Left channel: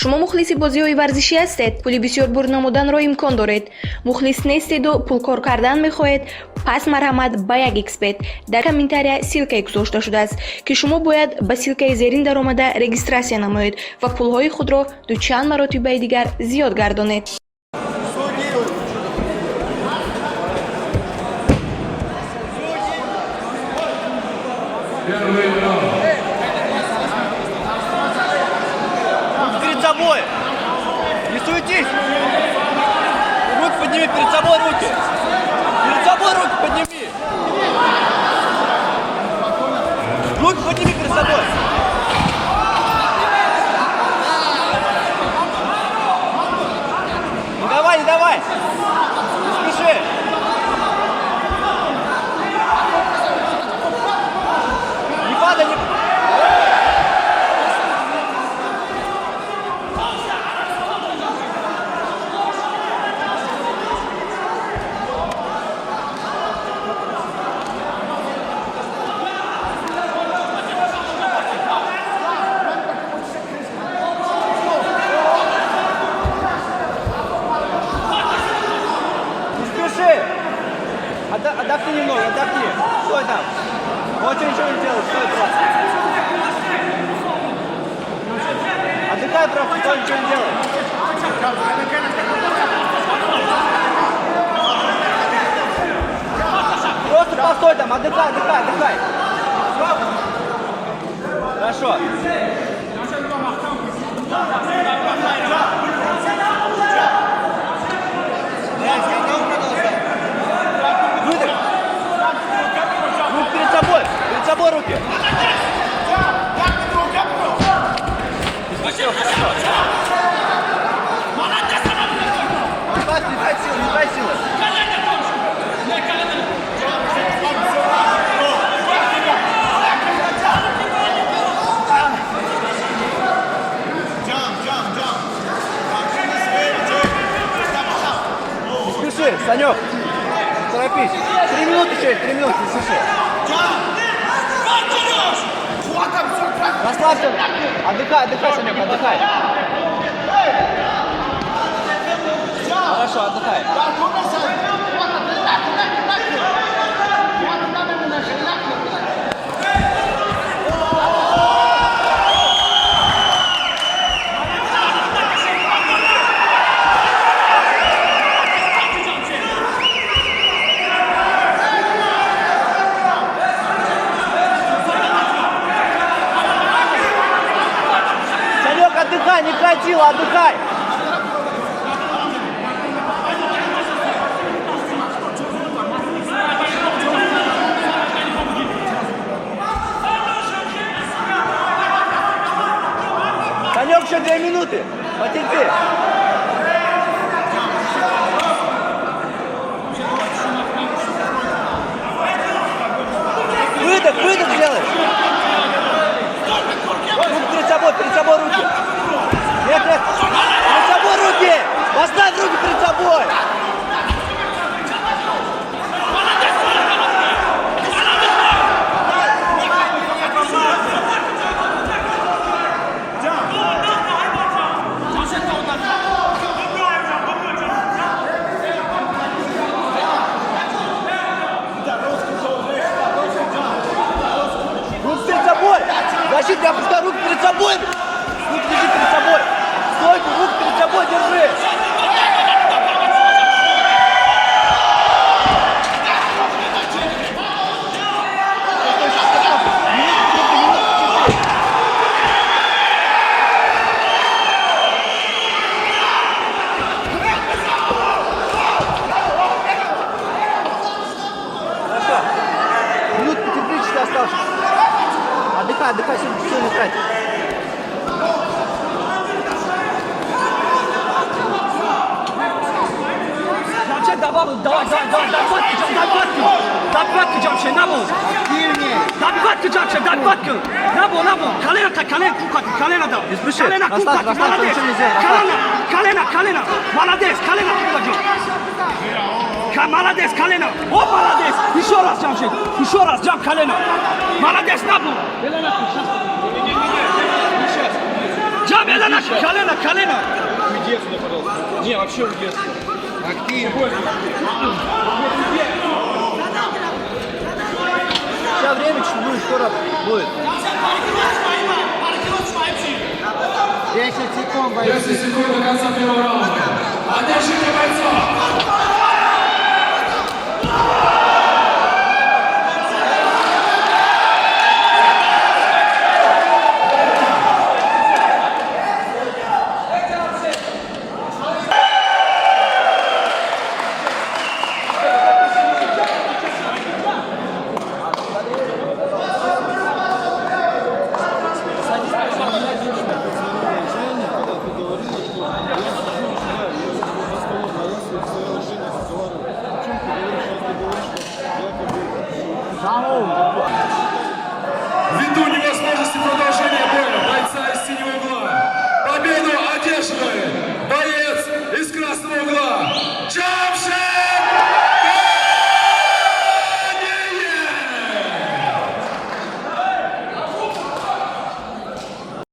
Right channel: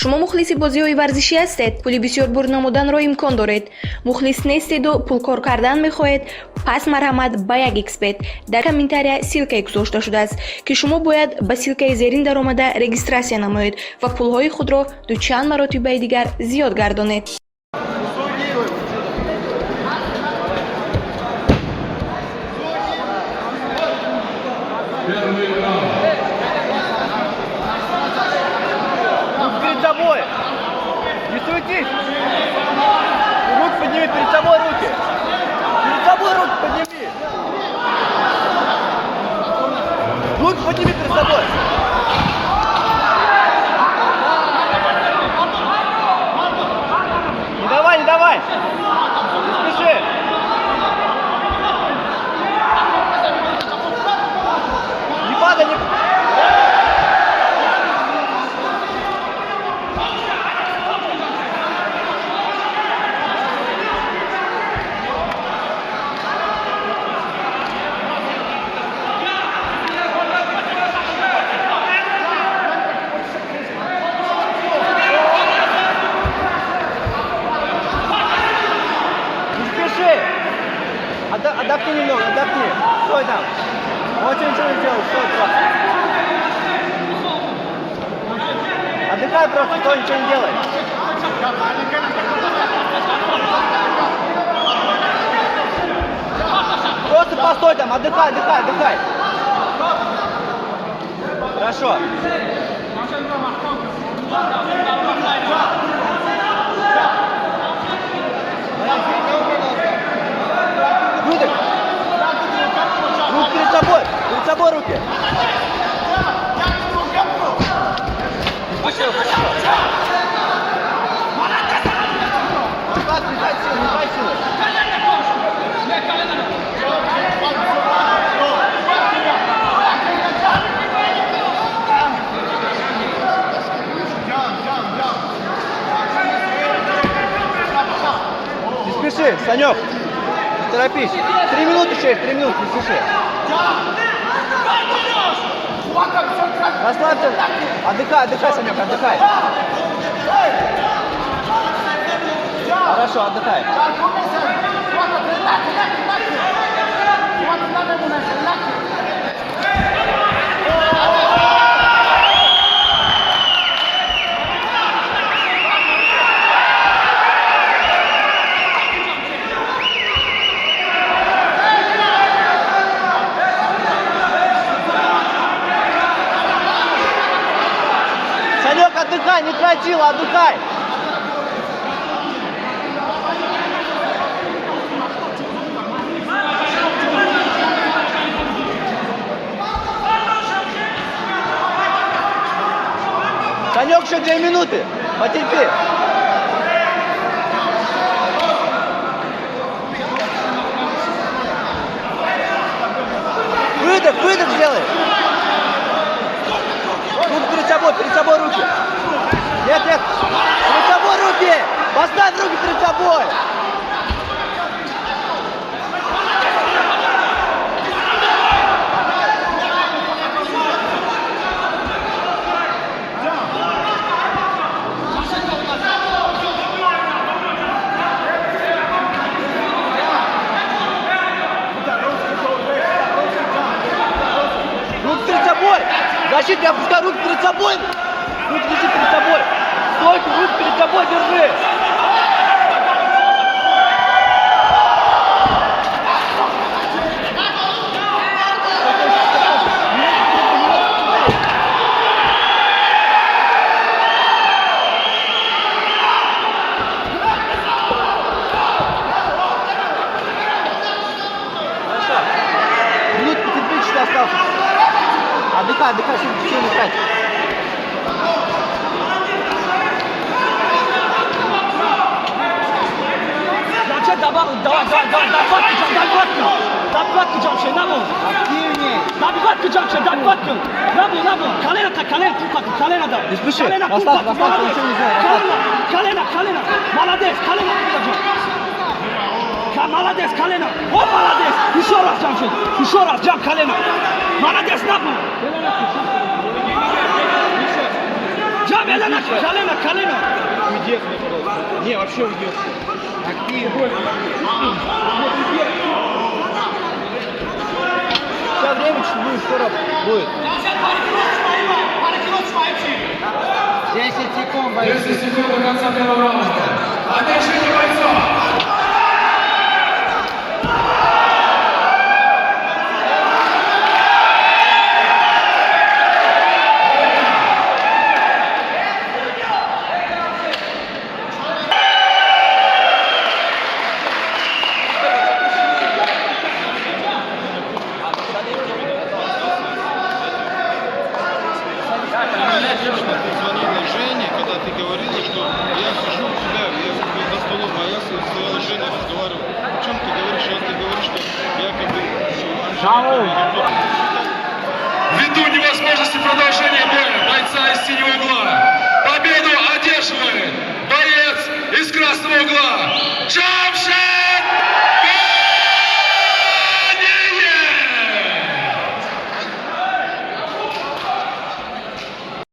шумо мухлиси бозиҳои варзишӣ ҳастед? пули бисёр бур намуданро имкон доред. мухлис нестеду пулкор кардан мехоҳед? пас марҳамат ба як xbet. дар комментария силкае гузошта шудааст ки шумо бояд ба силкаи зерин даромада регистрация намоед ва пулҳои худро дучанд маротибаи дигар зиёд гардонед. Перед собой! Не суетись! Руки подними, перед собой руки! Перед собой руки подними! Руки подними перед собой! Не давай, не давай! Не спеши! Не падай, не... Отдохни немного, отдохни. Стой там. Вот ничего не делай, стой там. Отдыхай просто, стой, ничего не делай. Просто постой там, отдыхай, отдыхай, отдыхай. Хорошо. Выдох. Руки перед собой руки. Не дай силы. Не спеши, Санек. Торопись. 3 минуты, Шериф, 3 минуты, не спеши. Расслабься. Отдыхай, отдыхай, Санек, отдыхай. Хорошо, отдыхай. Отдыхай, не хватило, отдыхай! Санек, еще 2 минуты, потерпи! Выдох, выдох сделай! Руки перед собой руки! Нет, нет! Перед собой руки! Поставь руки перед собой! Руки перед собой! Защитник, опускай руки перед собой! Руки держи перед собой! Стойку, руки перед собой держи! Минут потерпи, что осталось. Отдыхай, отдыхай, все отдыхай. Не спеши, оставь, ничего не сделай. Молодец, колено! О, молодец! Еще раз, Джамшит! Еще раз, Джам, колено! Молодец, на пол! Джам, колено, колено, колено. Уйди отсюда, пожалуйста. Не, вообще уйди отсюда. Сейчас время чуть будет, скоро будет. 10 секунд, бойцы. 10 секунд до конца первого раунда. Атачение бойцов! Жене, когда ты говорила, что я сижу у тебя, я за столом, а я стояла с Женей разговаривал. О чем ты говоришь? Сейчас ты говоришь, что я как бы... Ввиду невозможности продолжения боя бойца из синего угла победу одерживает боец из красного угла.